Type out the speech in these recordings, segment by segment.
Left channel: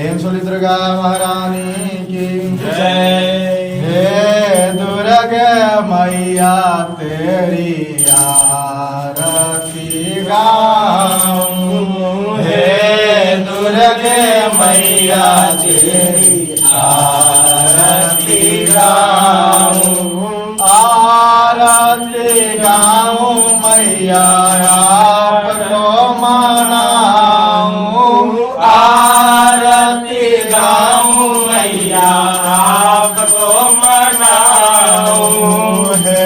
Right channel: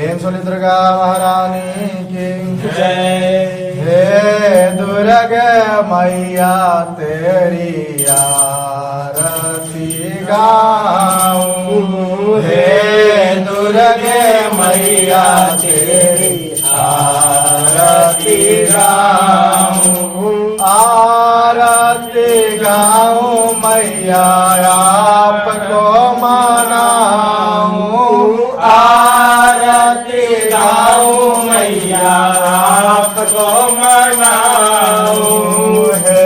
प्रेम सोली दुर्गा महारानी की जय। हे दुर्गा मैया तेरी आरती गाऊं, हे दुर्गे मैया तेरी आरती गाऊं। आरती गाऊं मैया आपको मनाऊं, आरती गाऊं मैया आपको मनाऊं। हे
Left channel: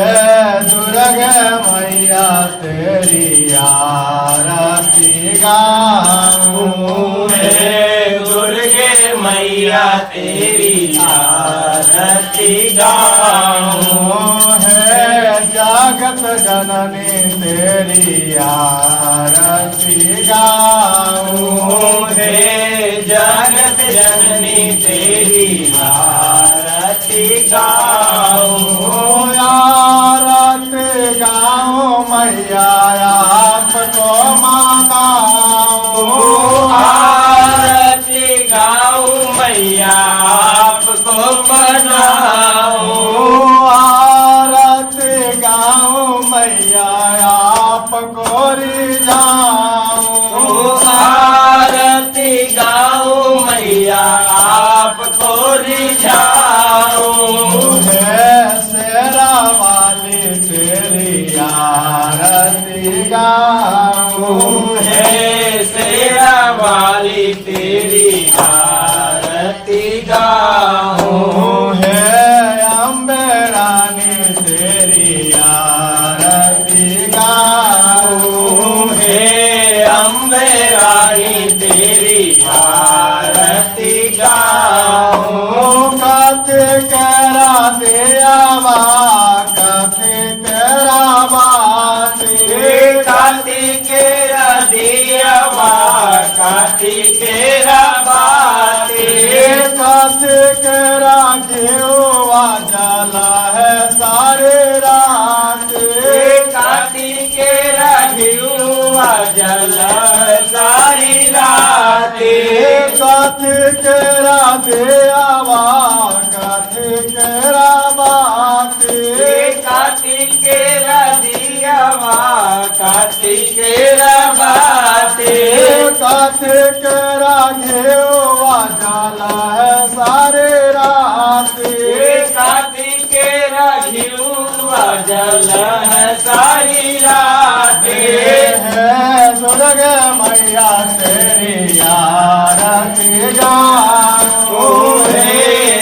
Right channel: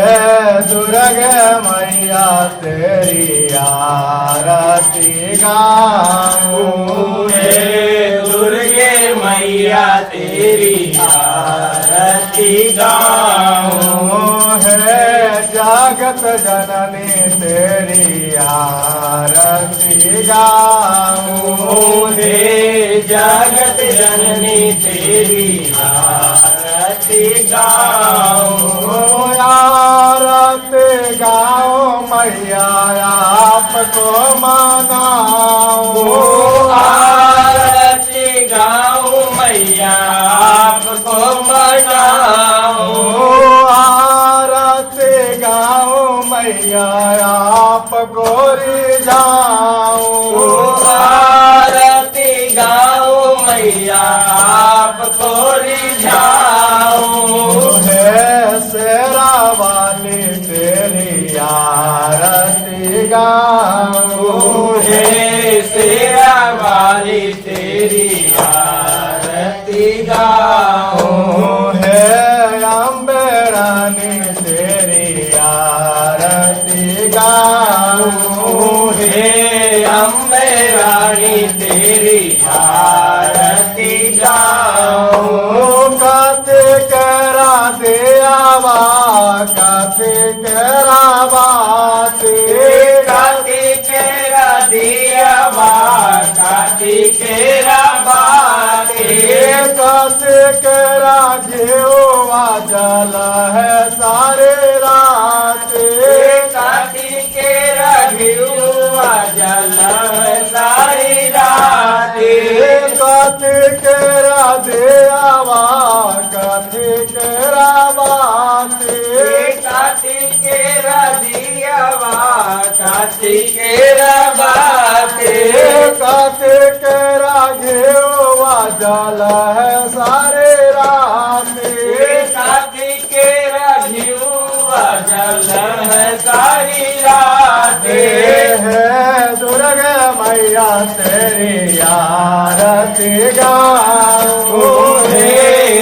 दुर्गा मैया तेरी आरती गाऊं, हे दुर्गे मैया तेरी आरती गाऊं। हे जगत जननी तेरी आरती गाऊं, हे जगत जननी तेरी आरती गाऊं। आरती गाऊं मैया आपको मनाऊं, आरती गाऊं मैया आपको मनाऊं। आरती गाऊं मैया आपको रिझाऊं, आरती गाऊं मैया आपको रिझाऊं। हे शेरा वाली तेरी आरती गाऊं, हे शेरा वाली तेरी आरती गाऊं। हे अम्बे रानी तेरी आरती गाऊं, हे अम्बे रानी तेरी आरती गाऊं। कते करा दे आवा, कते करा बाते, कार्तिकेरा दिया बा कार्तिकेरा बाते। कते करा घेवा जला है सारे राते, कार्तिकेरा घिउमा जल सारी राते। कते करा दे आवा, कते करा बाते, कार्तिकेरा दिया बा कार्तिकेरा बाते। कते करा घेवा जला है सारे राते, कार्तिकेरा घिउमा जल सारी राते। है दुर्गा मैया तेरी आरती गाऊं, हे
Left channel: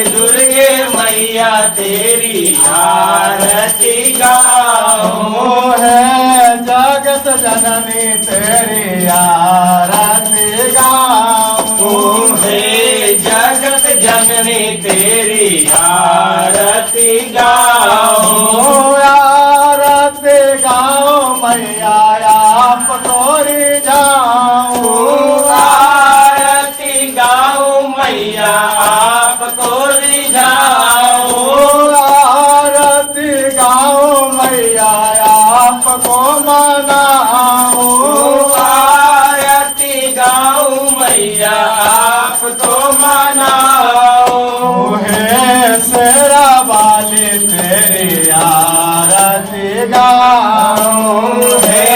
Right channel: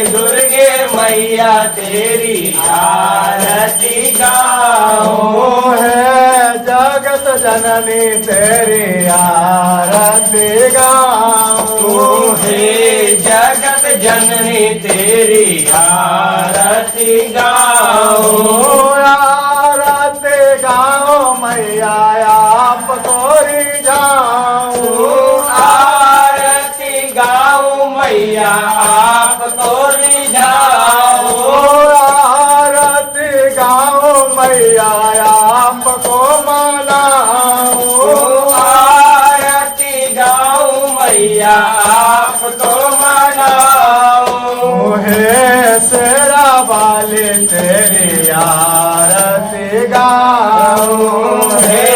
दुर्गे मैया तेरी आरती गाऊं। है जगत जननी तेरी आरती गाऊं, हे जगत जननी तेरी आरती गाऊं। आरती गाऊं मैया आपको रिझाऊं, आरती गाऊं मैया आपको रिझाऊं। आरती गाऊं मैया आपको मनाऊं, आरती गाऊं मैया आपको मनाऊं। हे शेरा वाली तेरी आरती गाऊं, हे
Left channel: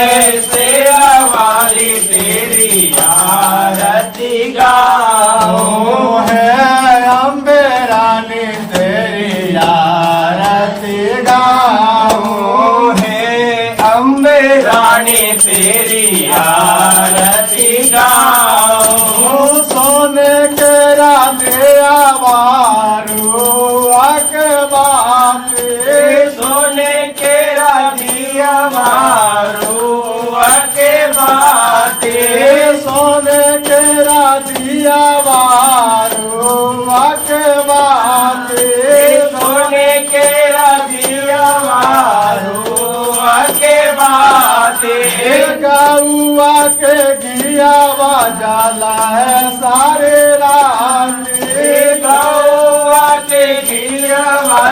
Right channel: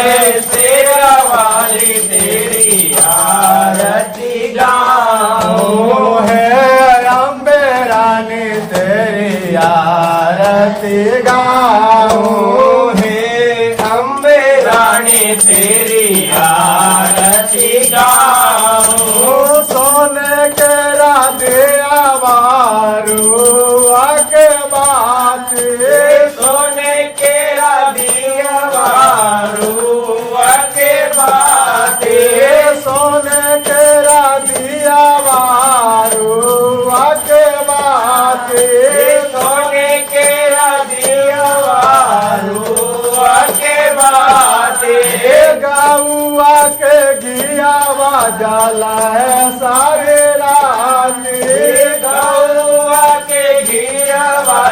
शेरा वाली तेरी आरती गाऊं। हे अम्बे रानी तेरी आरती गाऊं, हे अम्बे रानी तेरी आरती गाऊं। सोने के राधे आवारू आके बाते, सोने के दिया बारू के बाते। सोने के राधे आवारू आके बाते, सोने के दिया बारू के बाते। गाऊआ के घिया जाला है सारे राती, गौआ के घिया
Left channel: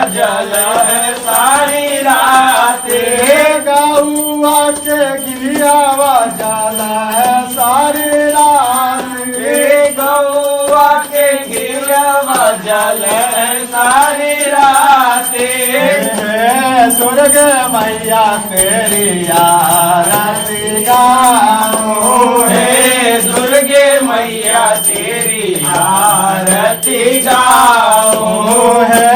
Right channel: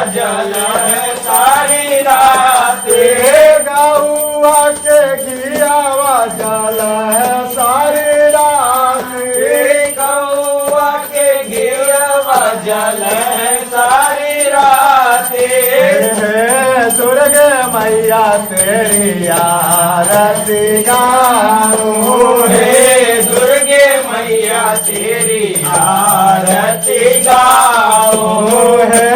जल है सारी रात। गाऊआ के घिया जाला है सारी राती, गौआ के दुर्गे मैया तेरी आरती गाऊं हे दुर्गे मैया तेरी आरती गाऊं है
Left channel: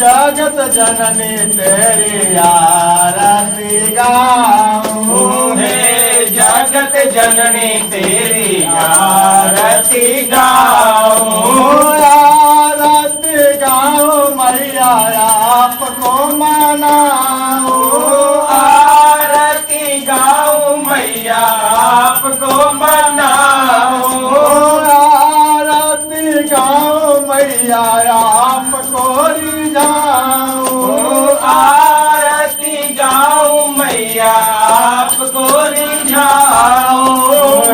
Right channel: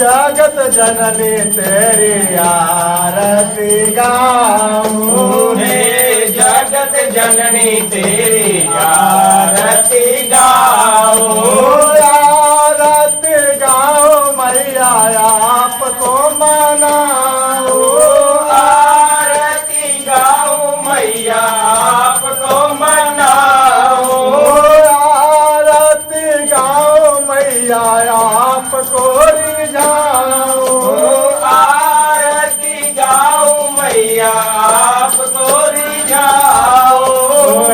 जगत जननी तेरी आरती गाऊं हे जगत जननी तेरी आरती गाऊं आरती गाऊं मैया आपको मनाऊं आरती गाऊं मैया आपको मनाऊं आरती गाऊं मैया आपको रिझाऊं आरती गाऊं मैया आपको रिझाऊं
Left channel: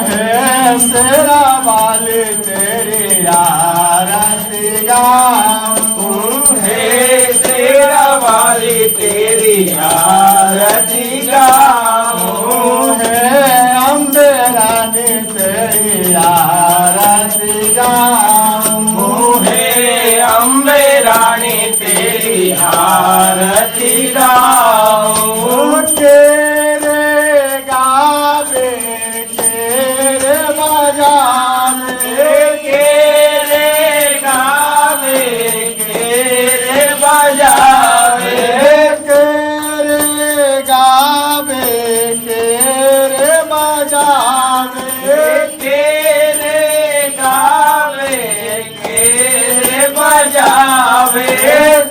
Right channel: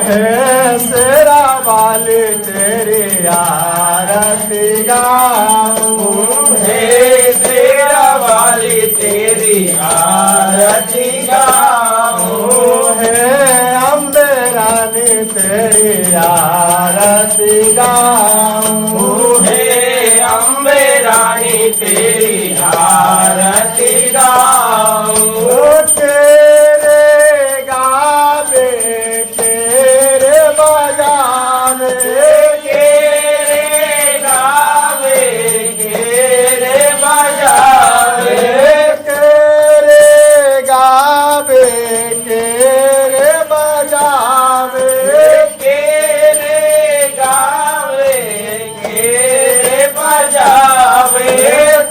है शेरा वाली तेरी आरती गाऊं हे तेरा वाली तेरी आरती गाऊं है अम्बे रानी तेरी आरती गाऊं हे अम्बे रानी तेरी आरती गाऊं तेरे गावे तेरे बजावे तेरे गावे तेरे बजावे तेरे गावे तेरे बजावे तेरे गावे तेरे बजावे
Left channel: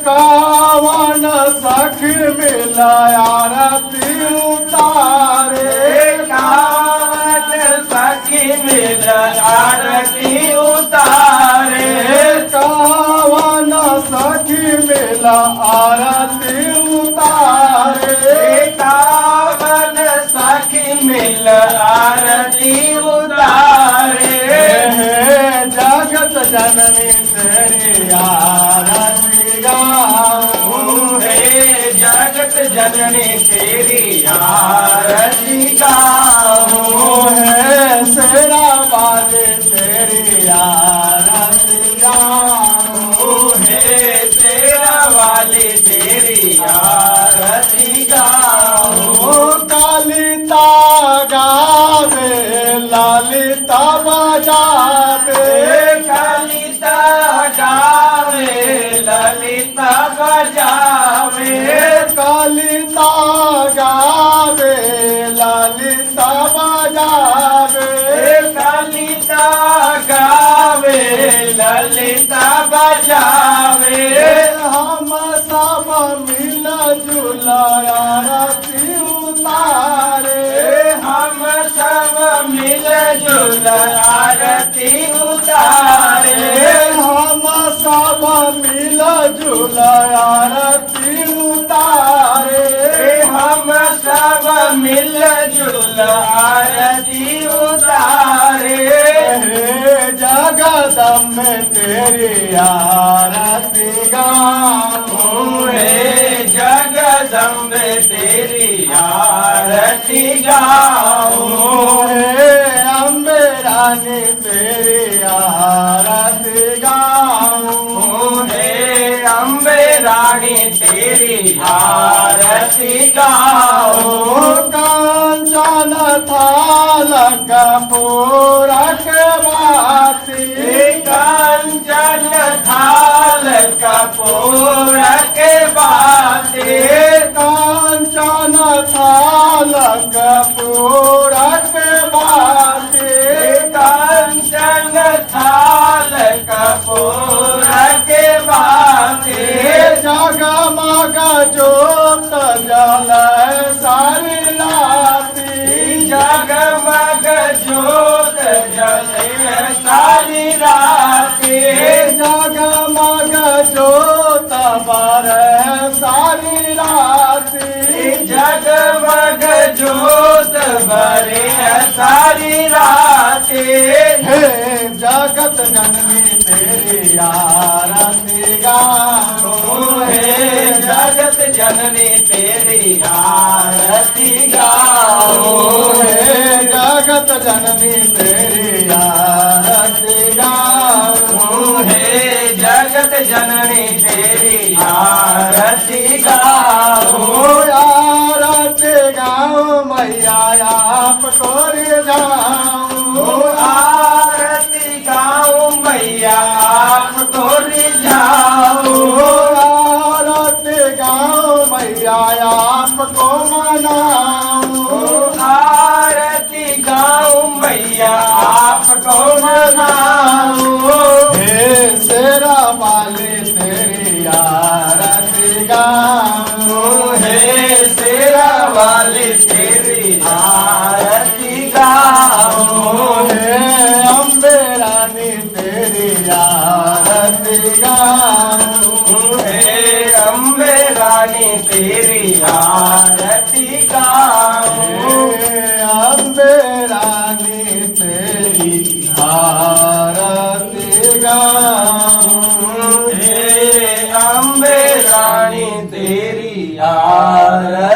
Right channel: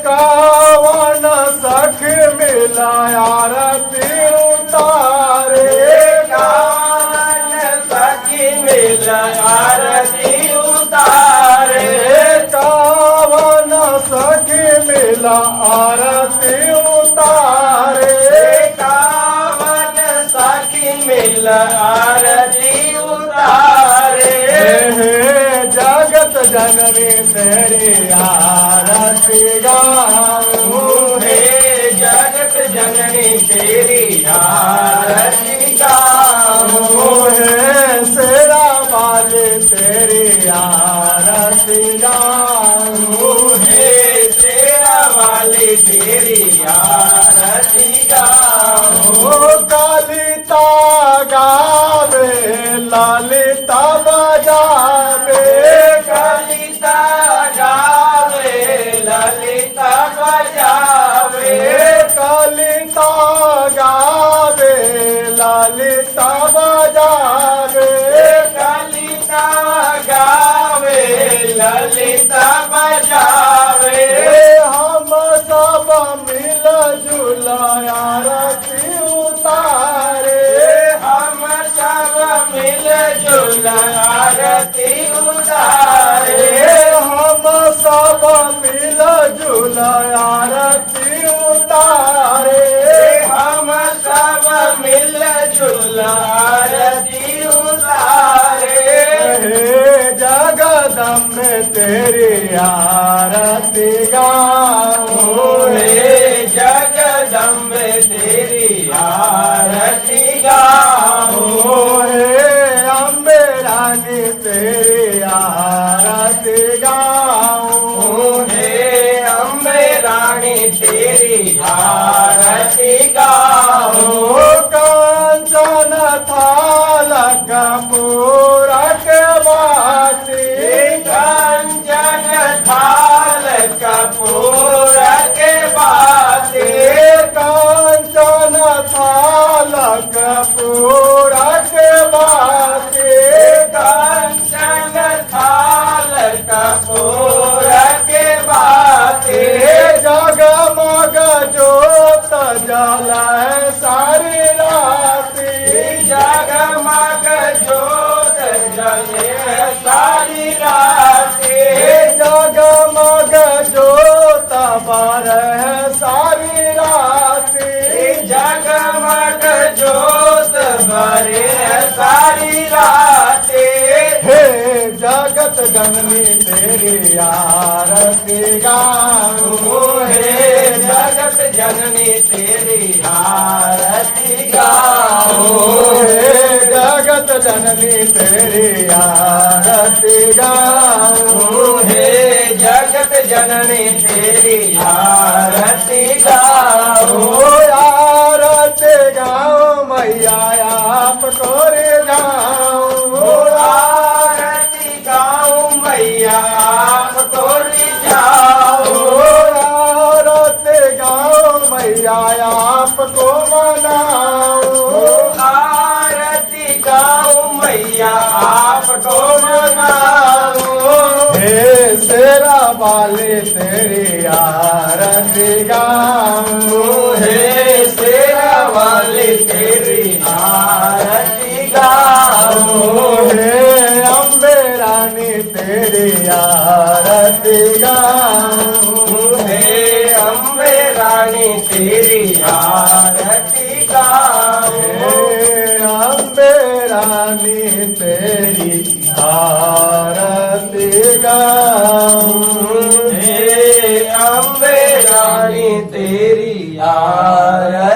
कावन सख मिला आरती उतारे कावन सखी मिल आरती उतारे कावन सख मिला आरती उतारे कावन सखी मिल आरती उतारे हे जगत जननी तेरी आरती गाऊं हे जगत जननी तेरी आरती गाऊं है शेरा वाली तेरी आरती गाऊं हे तेरा वाली तेरी आरती गाऊं कालिता गावे ललिता बजावे कलिता गावे ललिता बजावे कालिता गावे ललिता बजावे कलिता गावे ललिता बजावे हम सब मिल जुल आरती उतारे हम सब मिल जुल आरती उतारे हम सब मिल जुल आरती उतारे हम सब मिल जुल आरती उतारे हे जगदम्बे तेरी आरती गाऊं हे जगदम्बे तेरी आरती गाऊं हे अम्बे रानी तेरी आरती गाऊं हे अम्बे रानी तेरी आरती गाऊं कांचन थाल कपूरा के बाती कांचन थाल कपूर के बाते कांचन थाल कपूरा के बाती कांचन थाल कपूर के बाते जगमग जोत जल सारी राती जगमग जोत जले सारी राती जगमग जोत बर सारी राती जगमग जोत भरे सारी राती हे जगत जननी तेरी आरती गाऊं हे जगत जननी तेरी आरती गाऊं हे जगत जननी तेरी आरती गाऊं हे जगत जननी तेरी आरती गाऊं आपको मनाऊं आरती गाऊं मैया आपको मनाऊं हे शेरा वाले तेरी आरती गाऊं हे शेरा वाले तेरी आरती गाऊं हे अम्बे रानी तेरी आरती गाऊं हे अम्बे रानी तेरी आरती गाऊं हे अम्बे रानी तेरी आरती गाऊं हे अम्बे रानी तेरी आरती